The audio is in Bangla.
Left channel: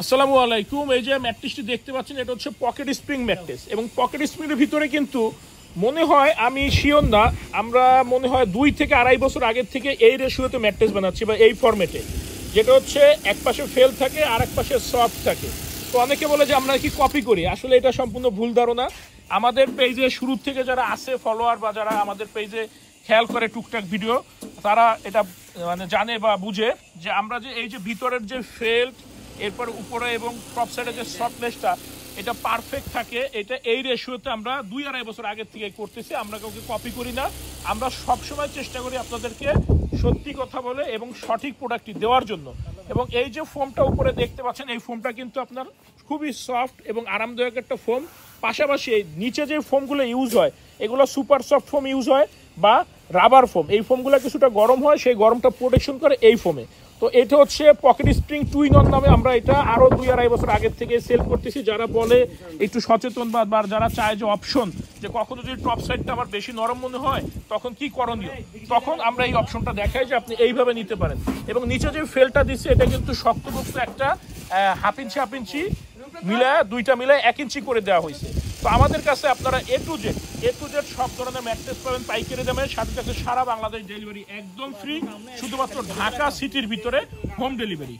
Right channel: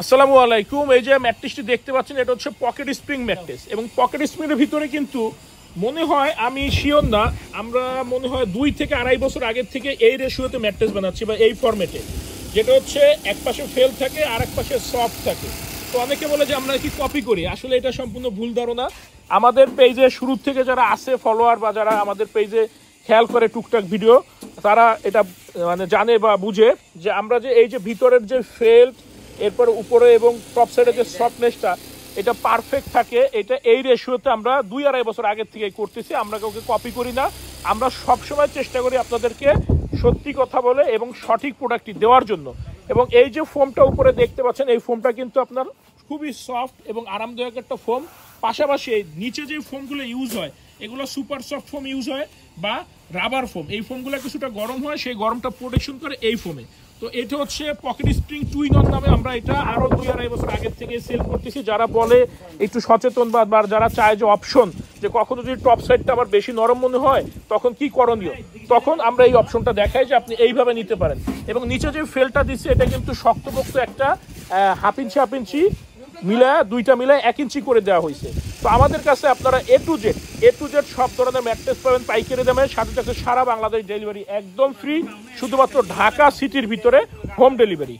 আসসালামু আলাইকুম। এই যে ম্যাট্রেসটি দেখতে পাচ্ছেন, এটা হচ্ছে পকেট স্প্রিং ম্যাট্রেস এবং পকেট স্প্রিংয়ের ভিতরে কিন্তু মনে হয়, আমি শিওর না, আমরা মনে হয় 2 থেকে 2.5 বছর আগের থেকে এই রেশিওতে ম্যাট্রেস বানাচ্ছি বা এই ফরম্যাটে, যেটা হচ্ছে এক পাশে ফেল থাকে আর এক পাশে সফট থাকে। তো অনেকে বলে যে আমরা কি কপি করি, আসলে এটা সম্পূর্ণ ভুল ধারণা। আমাদের পেজে শুরু থেকে যারা আছে ফলোয়ার বা যারা আমাদের পেজে খেয়াল করে টুকটাক ভিডিও, তারা এটা মানে জানে বা বুঝে যে আমরা যে এই যে ভিতরের যে ফেল, এরপর উপরে এবং টপ সাইডে যে সফটনেসটা, এটা পারফেক্ট থাকে। এটা এই রেশিওতে আমরা 2-2.5 বছর আগের থেকে করতেছি। আমরা কাউকে কপি করি না, আমরা সবসময় চেষ্টা করি আপনাদেরকে সত্যি কথা বলে এবং সঠিক প্রোডাক্টটি দেওয়ার জন্য। এবং এই যে ফোমটা উপরে দেখতে পাচ্ছেন, এই ফোমটা কিন্তু আপনার খুবই সফট এবং আরামদায়ক একটা ফোম। পাশাপাশি এই নিচে যে ফোমগুলো ইউজ হয়, এগুলো সুপার সফট ফোম ইউজ হয় বা রাবার ফোম। এই ফোমগুলো কিছুটা গরম হয়, সেই গরমটা প্রোটেকশন করে এই ফোমে। তো এটা হচ্ছে পকেট স্প্রিং 2 in 1 নামে আমরা এটা আরো 2-2.5 বছর আগের থেকে সেল করতেছি। যারা বলে একটু সচেতন বা যারা চায় যে অপশন, যে কখনো যদি টপ সাইডটা আবার বেশি নরম মনে হয় তখন কি করণীয়, তখন আমরা এই অপশনটা দেখাই যে আপনি এইভাবে নিতে পারেন। এবং নিচে যে ফেলটা দিচ্ছে, এটা কিন্তু শক্তপোক্ত একটা 1.5 ইঞ্চি 1.5 ইঞ্চি মিলা, দুইটা মিলায় 1 ইঞ্চি করে দেওয়া হয়েছে। তো আমাদের কাছে আপনারা এ টু জেড সব ধরনের ম্যাট্রেস পাবেন পাইকারি দামে, সাথে সাথে সারা বাংলাদেশ ডেলিভারি একদম ফ্রি, শুধুমাত্র ঢাকা সিটির ভিতরে হোম ডেলিভারি।